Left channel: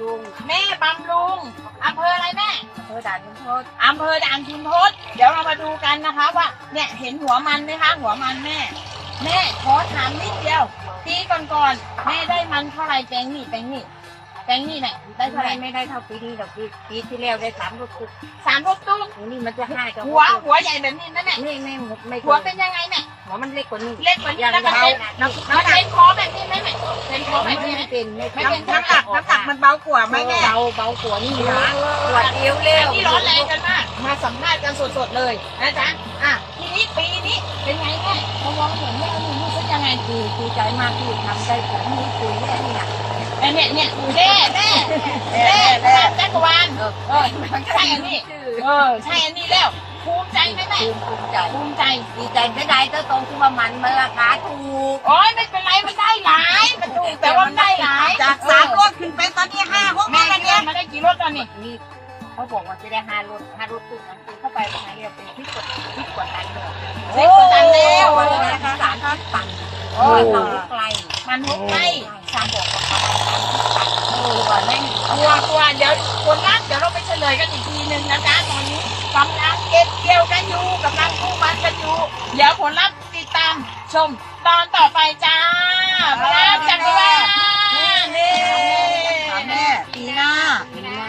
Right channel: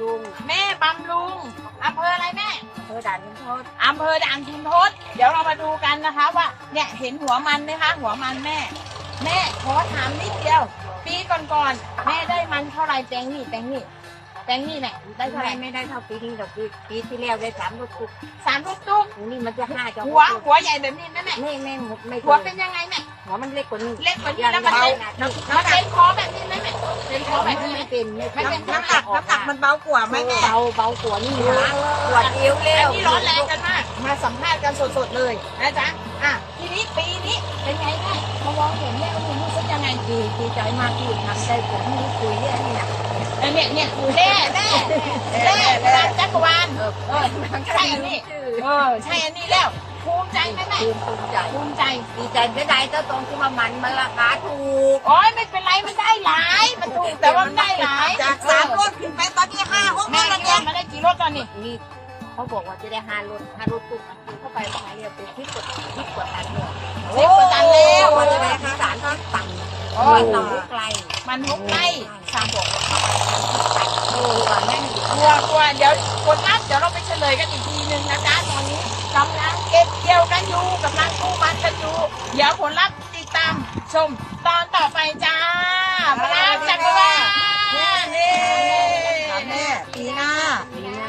รุงแม่บำรุงอำเภออะไรแม่อำเภอด่านขุนทดอำเภอด่านคุณทศเดี๋ยวเรามาดูกันนะคะว่าเนี่ยเห็นหัวมันไหมคะหัวมันแม่ แม่ขอถามนิดเดียวปีก่อนๆแม่ได้มันเท่าไหร่แปลงนี่แปลงนี่แปลงนี่แม่ได้เท่าไหร่ไม่ไม่ได้เท่าปีนี้หรอกปีปีที่แล้วได้สามลูกคุกสามลูกตุ้มนี่มันจะห้ากับหัวหัวใหญ่แบบนี้นะแม่นี่ไม่หมดไม่หัวเป็นยังไงแม่หัวมันเล็กกว่านี้เล็กกว่านี้แล้วมันเป็นมันเป็นคอแบบนี้ไหมแม่เป็นคอแบบนี้ไหมไม่เป็นไม่เป็นน้ำหนักน้ำหนักมันเบากว่าไหมแม่เบาเบากว่านี่นะปวดเอวเร็วนี่ร้อนแรงกันมากมาสัมภาษณ์กันสดๆเลยนะจ๊ะอะทีนี้ปีนี้เป็นไงแม่พอวางเห็นเนี่ยมันรู้สึกยังไงดีดีใจมากที่ทำได้ผลนี่ปุ๋ยเนี่ยไอ้เนี่ยเนี่ยแม่แม่แม่พลังจักรวาลเออเออมันใช่อันนี้เออใช่อันนี้แล้ว ภูมิใจไหมแม่ภูมิภูมิใจภูมิใจดีใจไม่ได้ก็ตรงที่ว่ามันมันราคาถูกโอ้ยไม่เป็นไรมันได้หลายมันถูกแต่ว่ามันได้หลายจากเอสามอรถขึ้นไปตอนนี้ห้าหกแม่แม่เนี่เนี่ยยมันได้กี่รถตอนนี้นี่เขาบอกว่าจะได้ห้ารถห้ารถตู้เข้าไปทางไหนเนี่ยเป็นพิษกว่าพิษกว่าตันเลยสิบกว่าตันแล้วโอ้ยนะสารพันตันโอ้โอ้ยยเราไกลมันหุบไล่สามบอกโอ้ยแม่งกลัวกลัวเดี๋ยวคนรักเดี๋ยวเราไป เลยกันอีกทีหนึ่งนะจ๊ะตอนนี้กำลังเก็บเกี่ยวกันอยู่กำลังกู้มันกันอยู่เดี๋ยวผลลัพธ์ติดตามชมตอนต่อไปจ้าพระจักรวาลนี่แม่ปีหน้า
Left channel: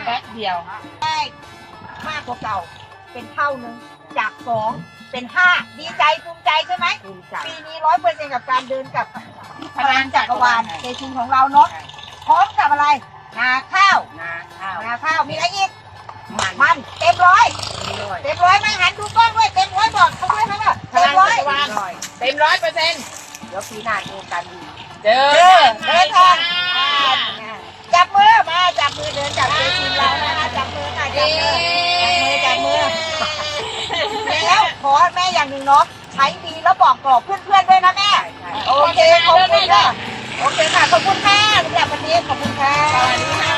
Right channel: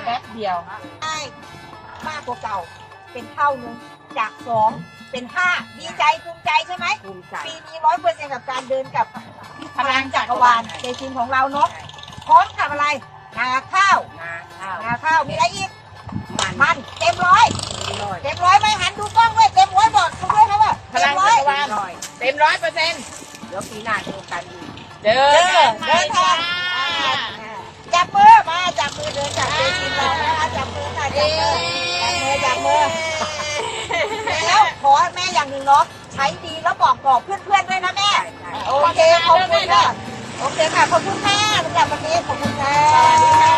แป๊บเดียวได้มากกว่าเก่าเป็นเท่านึงจากสองเป็นห้าดีใจภูมิใจใช่ไหมภูมิใจปีนี้ร้อยเปอร์เซ็นต์กับการเดินกับพลังจักรวาลในทีมของเราเนาะพร้อมกับอะไรนาข้าวนาข้าวนาข้าวมีอะไรอีก มันเต็มร้อยเต็มร้อยไหมหันดูกล้องด้วยเต็มร้อยบอกเขาด้วยไหมว่าพลังจักรวาลเต็มร้อยเปอร์เซ็นต์เดี๋ยวปีหน้าเจอกันอีกเดินเดินทางจับมือมาจับมือเดินจับมือทีมเรานะจับมือหน่อยจับมือจับมือจับมือแล้วขอแม่อย่างหนึ่งเนาะใช้ดีแล้วบอกบอกเพื่อนๆด้วยนะแม่โอเคขอบคุณค่ะโอเคค่ะขอบคุณค่ะอยากเป็นนี้ขอบคุณค่ะ สวัสดีค่ะ